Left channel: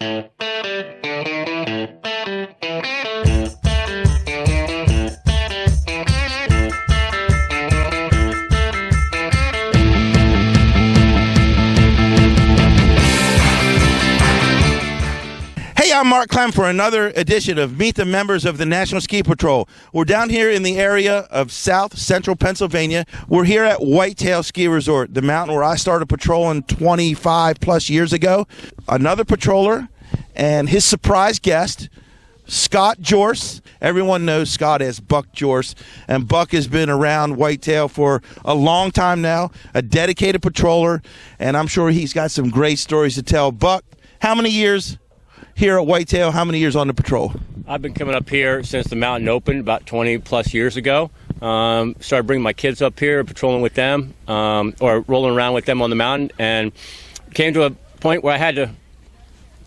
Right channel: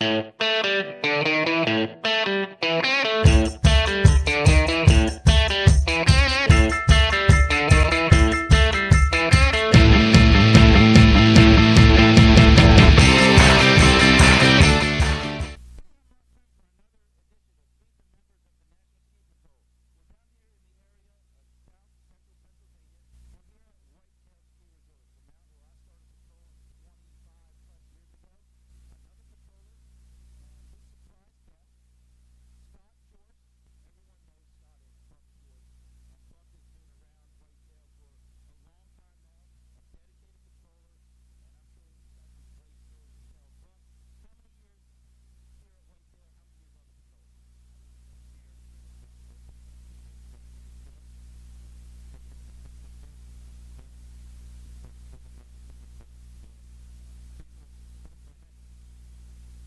Hey, I'm Mark Clem for another edition of Meet the Members of the National Ski Patrol. We're down here in the area of South Central Pennsylvania. We're here at Whitetail Ski Resort, the mountain where I started patrolling 25 plus years ago. Another patroller and his surprise guest, Scott Jorce. Everyone knows Scott as Buck Jorce, and Buck has been around Whitetail for a long time now, a dedicated patroller, and I'm sure he's got some great stories to tell. Buck, how many years here at Whitetail? How many years on the patrol? I've been coming up here since the mountain opened about 20 plus years ago. Started bringing my kids up here, patrolling with them, or rolling around with them on the mountain, and came to a point where I had to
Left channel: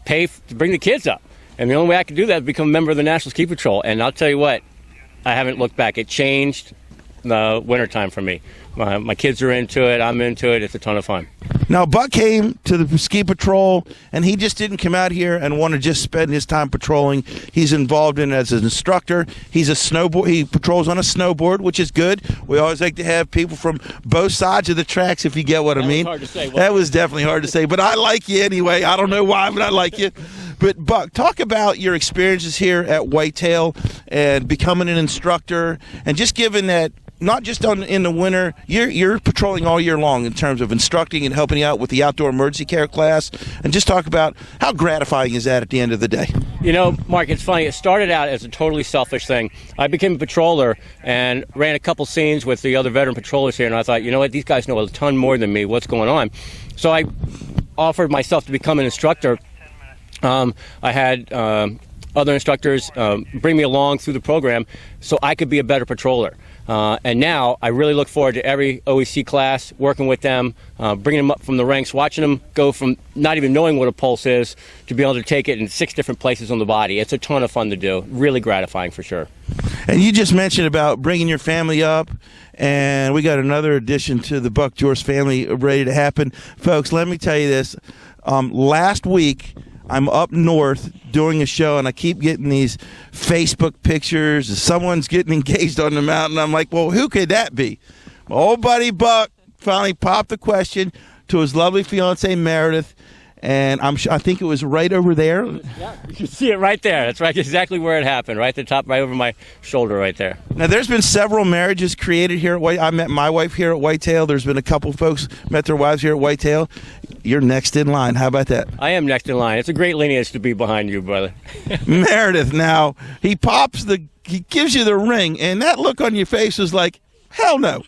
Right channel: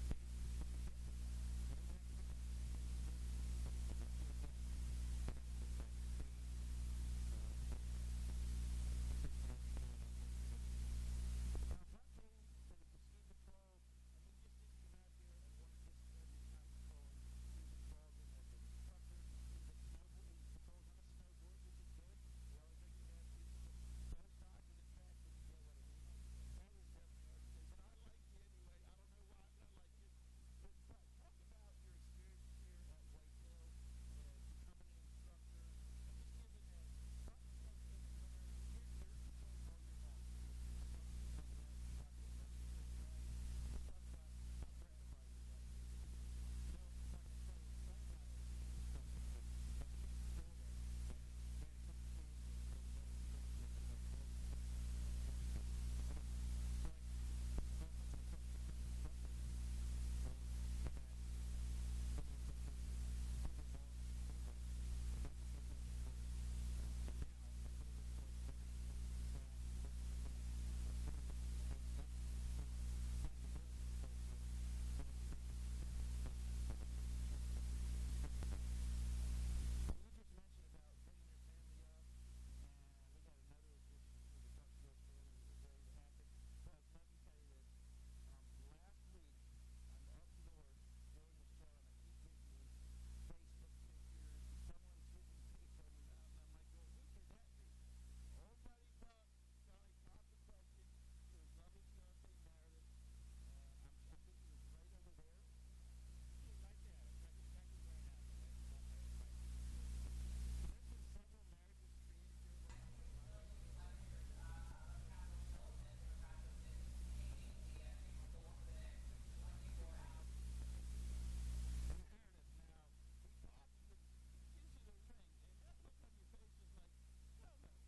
pay to bring the kids up. And the only way I could do that is become a member of the National Ski Patrol. And I'll tell you what, I haven't looked back. It changed the wintertime for me. My kids are into it. I'm into it. It's a ton of fun. Now, Buck came to the ski patrol, and he just didn't come out here and want to just spend his time patrolling. He's involved in it as an instructor. He's a snowboard. He patrols on a snowboard, which is good. We always like to have people from both sides of the tracks, if you get what I mean. That was hard to say. That was definitely hard to say, but I like you anyway. I don't know why, but I like you. But, Buck, talk about your experiences here at Whitetail and becoming an instructor, and just given that not just in the winter, you're patrolling all year long in terms of instructing and helping out with the outdoor emergency care class, and just talk about how gratifying is that at the end of the day. You know, Mark, it's funny. It started out as a totally selfish thing. I became a patroller and ran a couple scenes with the other veteran patrollers here, and I thought, you know what, these guys know a ton more than me. What's going on? So I offered myself to become an instructor. I had other instructors bring me along through the program so I could be a better patroller. And now I really look forward to every OEC class, working with them, bringing them up from the ranks, watching them go from not even knowing what a pulse is to be able to take it in 6 different places on the body. It's a ton of fun to do, really gratifying for sure. And you just mentioned about bringing your family up, and we got another addition to the Buck Jorce family ready to happen. Folks, let me tell you this. Last week, I'm up north doing a show, and I keep getting these Facebook pictures of someone's getting engaged on the mountain. I'm like, well, who could that be? My old buddy Buck finally popped the question to his lovely fiancée, Meredith, and I think it was right over there. Yeah, you can see it right there. That's right, exactly where it happened, right at the top, right over my shoulder right there. Now, there's been several marriages created here at Whitetail. I met my wife here at Whitetail. There's been a couple folks met their wives here at Whitetail. You're next in line. How about that? I am next in line. It's a great lineage to be behind you, brother. Meredith, now, he gives you the ring, and that look on your face was like, hell no.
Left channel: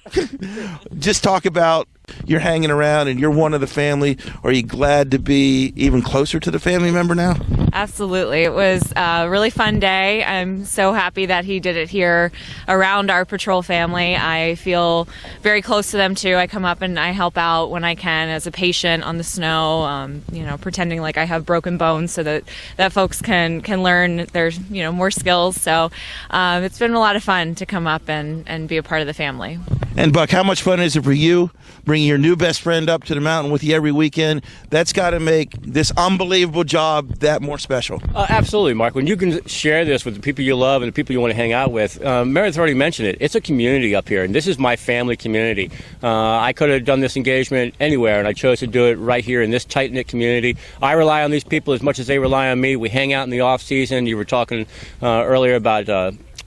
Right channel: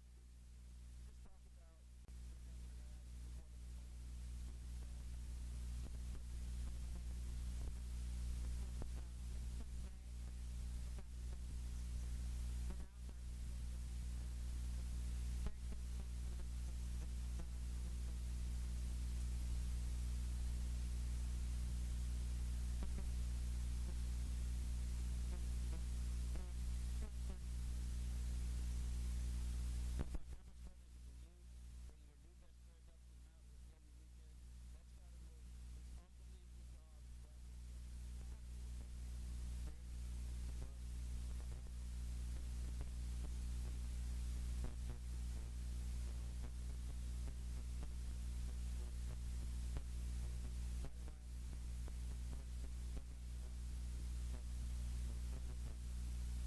Just talk about you're hanging around and you're one of the family. Are you glad to be even closer to the family member now? Absolutely. It was a really fun day. I'm so happy that he did it here around our patrol family. I feel very close to them too. I come up and I help out when I can as a patient on the snow, pretending like I have broken bones so that folks can learn there's, more skills. So it's been a lot of fun to come up and be a part of the family. And Buck, how much fun is it for you bringing your new best friend up to the mountain with you every weekend? That's got to make this unbelievable job that more special. Absolutely, Mark. When you can share this with the people you love and the people you want to hang out with, Meredith already mentioned it. It's a community up here, and this is my family community. I could have done this engagement anywhere, and I chose to do it right here in this tight-knit community. I rely on these people as much as they rely on me. We hang out in the off-season. You were talking earlier about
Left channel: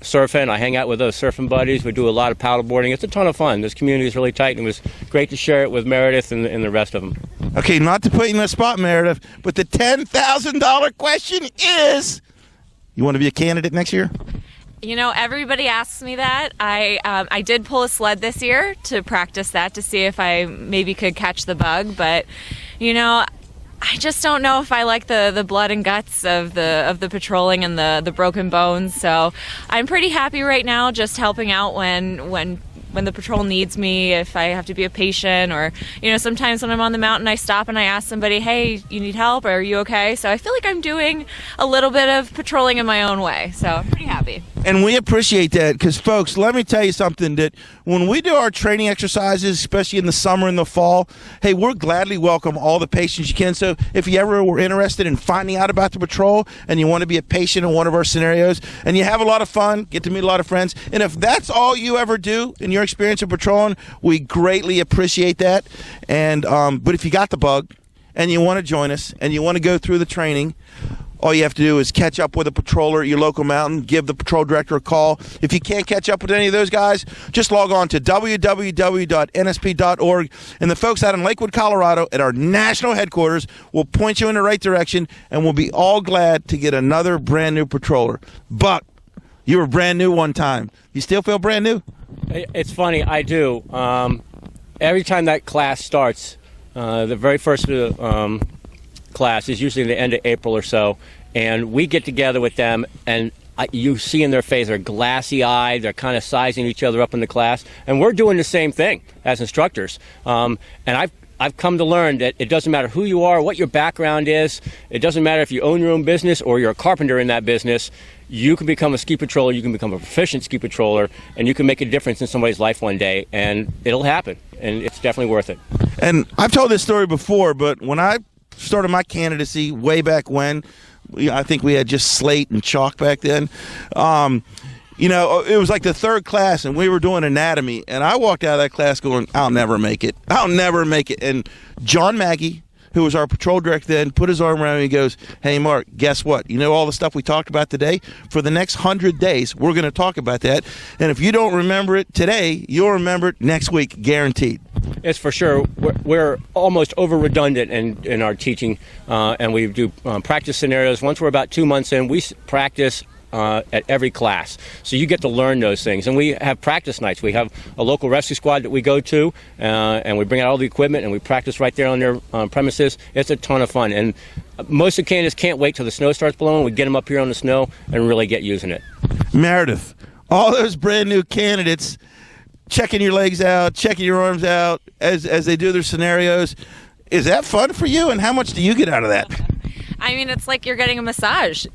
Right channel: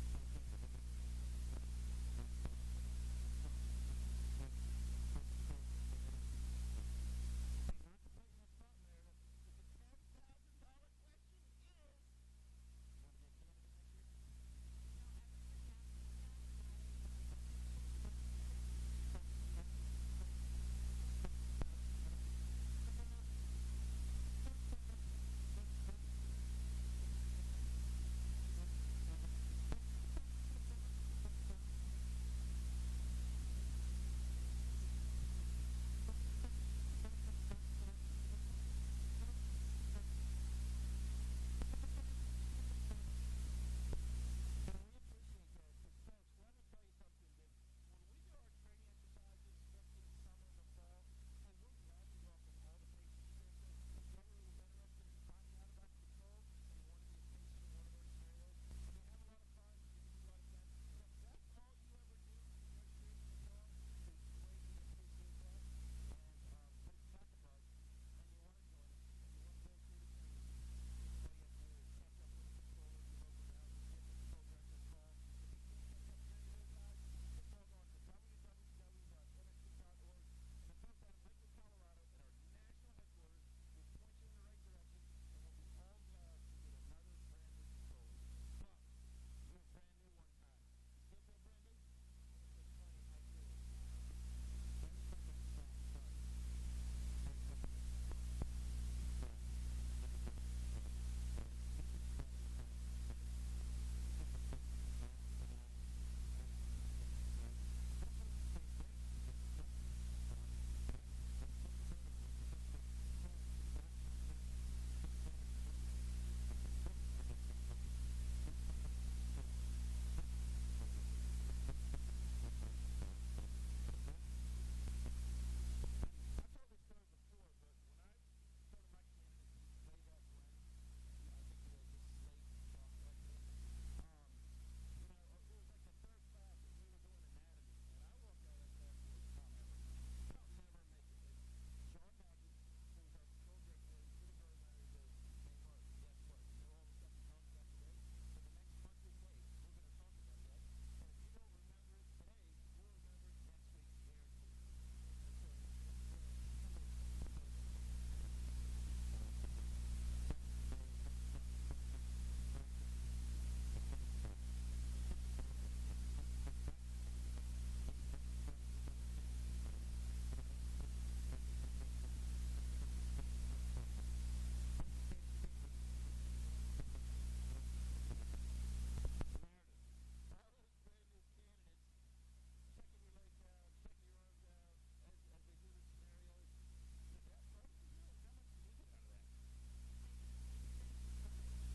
surfing. I hang out with those surfing buddies. We do a lot of paddleboarding. It's a ton of fun. This community is really tight, and it was great to share it with Meredith and the rest of them. Okay, not to put you in the spot, Meredith, but the $10,000 question is, you want to be a candidate next year? Everybody asks me that. I did pull a sled this year to practice that to see if I maybe could catch the bug, but I just don't know if I like the blood and guts of the patrolling and the broken bones. So I'm pretty happy right now just helping out when when the patrol needs me, if I have to be a patient, or, sometimes when I'm on the mountain, I stop and I ask somebody, hey, you need help, or are you okay? So I feel like I'm doing a little bit of patrolling in my own way. So I'm pretty happy. And we appreciate that because, folks, let me tell you something, that when we do our training exercises, especially in the summer and the fall, hey, we'll gladly welcome all the patients you can. So if you ever were interested in finding out about the patrol and you want to be a patient in one of our scenarios and you have a lot of fun, get to meet a lot of friends, and if that's all you ever do in your experience of patrolling, we greatly appreciate that. And but if you got the bug and you want to join us and you want to go through the training, all you have to do is catch up with a patroller at your local mountain, give the patrol director a call. If you can't catch up with any of those guys, just log on to www.nsp.org, and the folks out in Lakewood, Colorado at our national headquarters will point you in the right direction, and we'll be all glad to get another brand new patroller. Buck, you were brand new one time. You still feel brand new? It's funny, I do. Every time that class starts, the very first class is usually the end of April or so, and we get together with them, and you see in their face they're glassy-eyed, they're kind of sizing each other up in the class, and we're doing the same thing as instructors. And I've come to learn that it doesn't matter who you are, what your background is, it doesn't matter if you own your own business or you're a carpenter in that business. You can become a ski patroller, you can become a proficient ski patroller, and you can make a difference in somebody's life one day, and it'll happen, and it's definitely worth it. And I've told this story before, but when I started my candidacy way back when, I think we had just slate and chalk back then. It was like the third class, and we were doing anatomy, and I walked out of that class going, I'll never make it. I'll never make it. And John Maggie, who was our patrol director then, put his arm around me and he goes, hey, Mark, guess what? You know all the stuff we talked about today? For the next 100 days, we're going to talk about that. And if you don't remember it today, you'll remember it next week, guaranteed. It's for sure. We're almost over redundant in our teaching, and we do practice scenarios. Once we're about 2 months in, we practice at every class. So you get to learn those things. And we have practice nights. We have a local rescue squad that we go to, and we bring out all the equipment, and we practice right there on their premises. It's a ton of fun. And most of the candidates can't wait till the snow starts blowing. We get them up here on the snow and really get using it. Meredith, all those brand new candidates checking your legs out, checking your arms out as they do their scenarios. Is that fun for you, and how much do you get out of that? I mean, it's like you're getting a massage.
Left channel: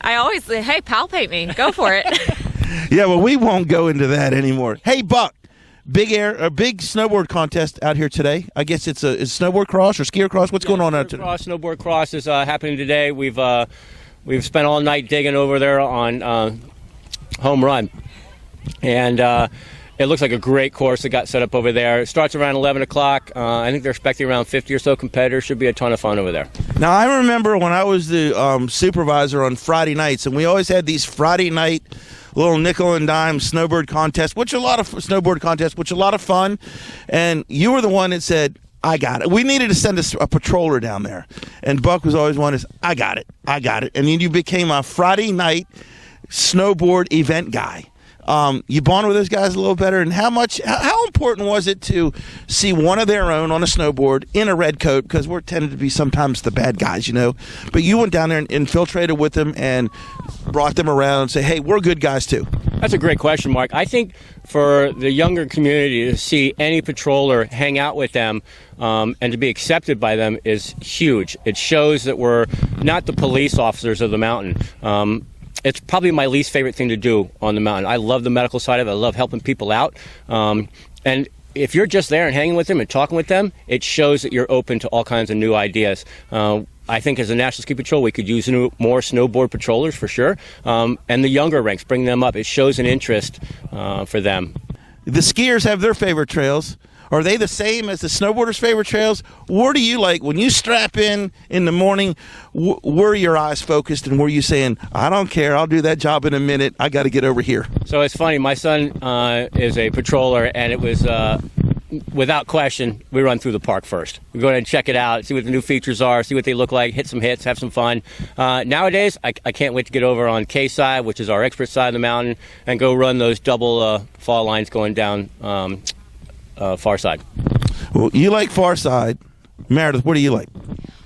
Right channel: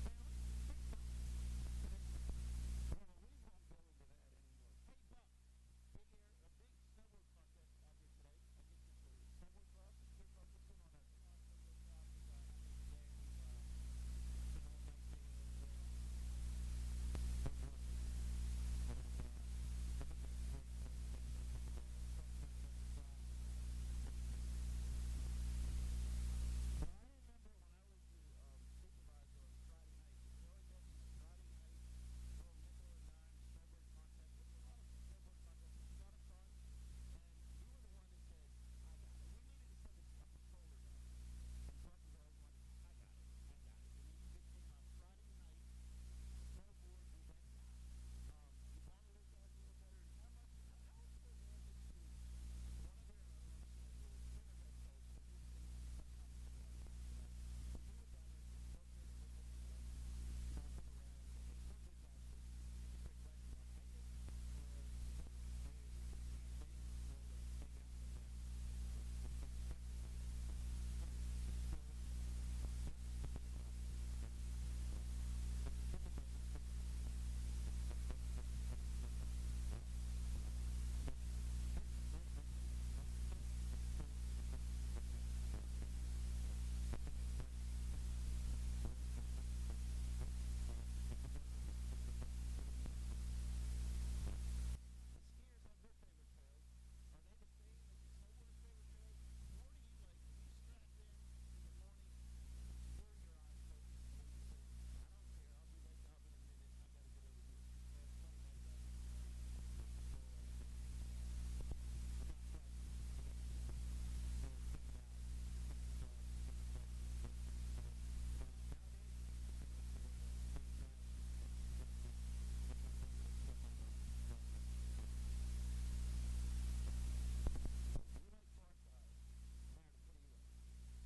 I always say, hey, palpate me. Go for it. Yeah, well, we won't go into that anymore. Hey, Buck, a big snowboard contest out here today. I guess it's snowboard cross or skier cross. What's going on out today? Snowboard cross is happening today. We've spent all night digging over there on Home Run. And it looks like a great course that got set up over there. It starts around 11 o'clock. I think they're expecting around 50 or so competitors. Should be a ton of fun over there. Now, I remember when I was the supervisor on Friday nights, and we always had these Friday night little nickel and dime snowboard contests, which are a lot of fun. And you were the one that said, I got it. We needed to send a patroller down there. And Buck was always one is, I got it. And then you became a Friday night snowboard event guy. You bond with those guys a little better, and how important was it to see one of their own on a snowboard in a red coat, because we're tended to be sometimes the bad guys, but you went down there and infiltrated with them and brought them around and say, hey, we're good guys too? That's a great question, Mark. I think for the younger community to see any patroller hang out with them and to be accepted by them is huge. It shows that we're not the police officers of the mountain. It's probably my least favorite thing to do on the mountain. I love the medical side of it. I love helping people out. And if you're just there and hanging with them and talking with them, it shows that you're open to all kinds of new ideas. I think as a National Ski Patrol, we could use more snowboard patrollers for sure. And the younger ranks, bring them up. It shows an interest for them. The skiers have their favorite trails. Are they the same as the snowboarders' favorite trails? Where do you like, when you strap in the morning, where are your eyes focused, and where are you saying, I don't care, I'll do that job in a minute, I got to get over here? So it's funny, my son is a patroller, and it was, without question, we run through the park first. We go ahead and check it out, see what the new features are, see what they look like, hit some hits, have some fun. Nowadays, I can't wait to get over on K-side, which is our expert side of the mountain, and go run those double fall lines going down far side. Well, you like far side. Meredith, what do you like?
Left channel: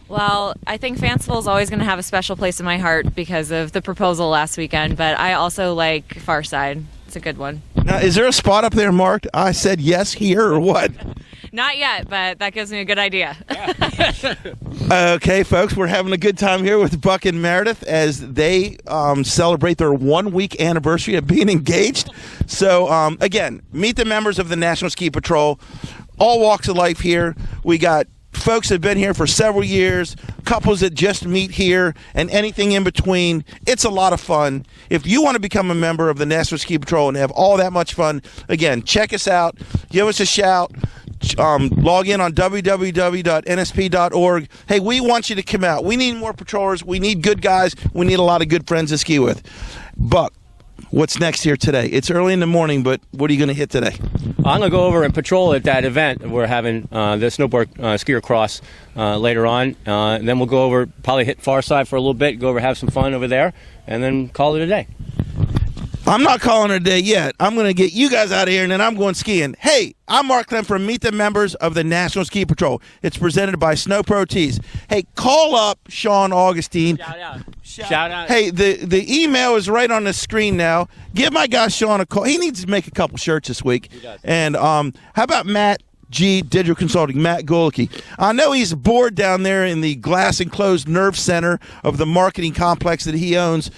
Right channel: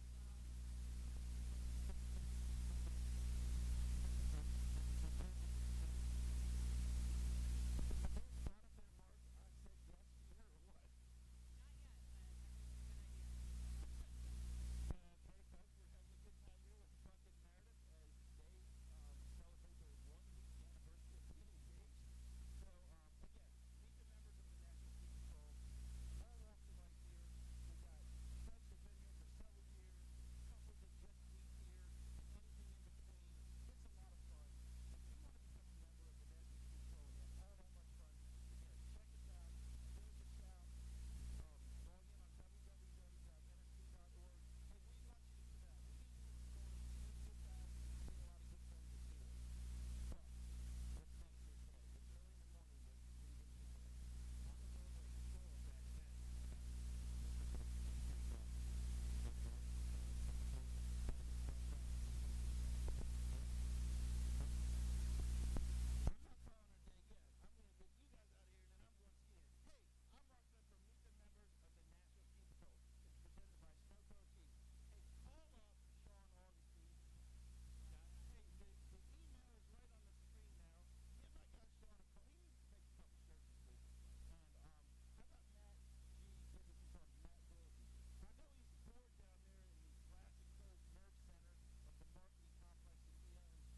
Well, I think Fanciful is always going to have a special place in my heart because of the proposal last weekend, but I also like far side. a good one. Now, is there a spot up there marked, I said yes here, or what? Not yet, but that gives me a good idea. Okay, folks, we're having a good time here with Buck and Meredith as they celebrate their 1 week anniversary of being engaged. So, again, meet the members of the National Ski Patrol, all walks of life here. We got folks that have been here for several years, couples that just meet here, and anything in between. It's a lot of fun. If you want to become a member of the National Ski Patrol and have all that much fun, again, check us out. Give us a shout. Log in on www.nsp.org. Hey, we want you to come out. We need more patrollers. We need good guys. We need a lot of good friends to ski with. Buck, what's next here today? It's early in the morning, but what are you going to hit today? I'm going to go over and patrol at that event. We're having the snowboard skier cross later on. And then we'll go over, probably hit Far Side for a little bit, go over, have some fun over there, and then call it a day. I'm not calling it a day yet. I'm going to get you guys out of here, and then I'm going skiing. Hey, I'm Mark Clem from Meet the Members of the National Ski Patrol. It's presented by Snow Pro Tees. Hey, call up Sean Augustine. Shout out. Shout out. Hey, the email is right on the screen now. Give my guy Sean a call. He needs to make a couple shirts this week. He does. And how about Matt G Digital Consulting, Matt Golicky? I know he's bored down there in the glass enclosed nerve center of the marketing complex that he owns.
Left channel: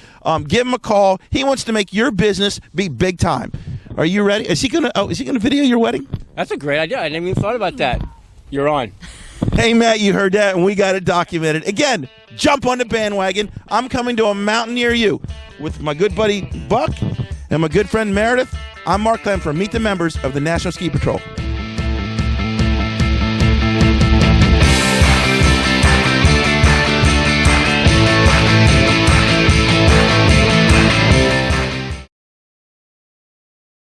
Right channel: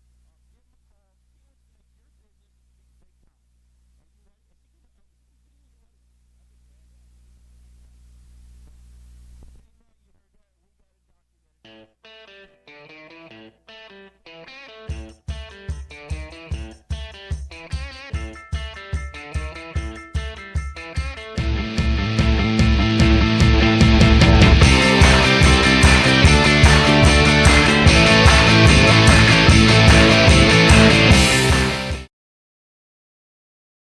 Give him a call. He wants to make your business be big time. Are you ready? Is he gonna video your wedding? That's a great idea. I never even thought about that. You're on. Hey, Matt, you heard that, and we got it documented. Again, jump on the bandwagon. I'm coming to a mountain near you with my good buddy Buck and my good friend Meredith. I'm Mark Clem from Meet the Members of the National Ski Patrol.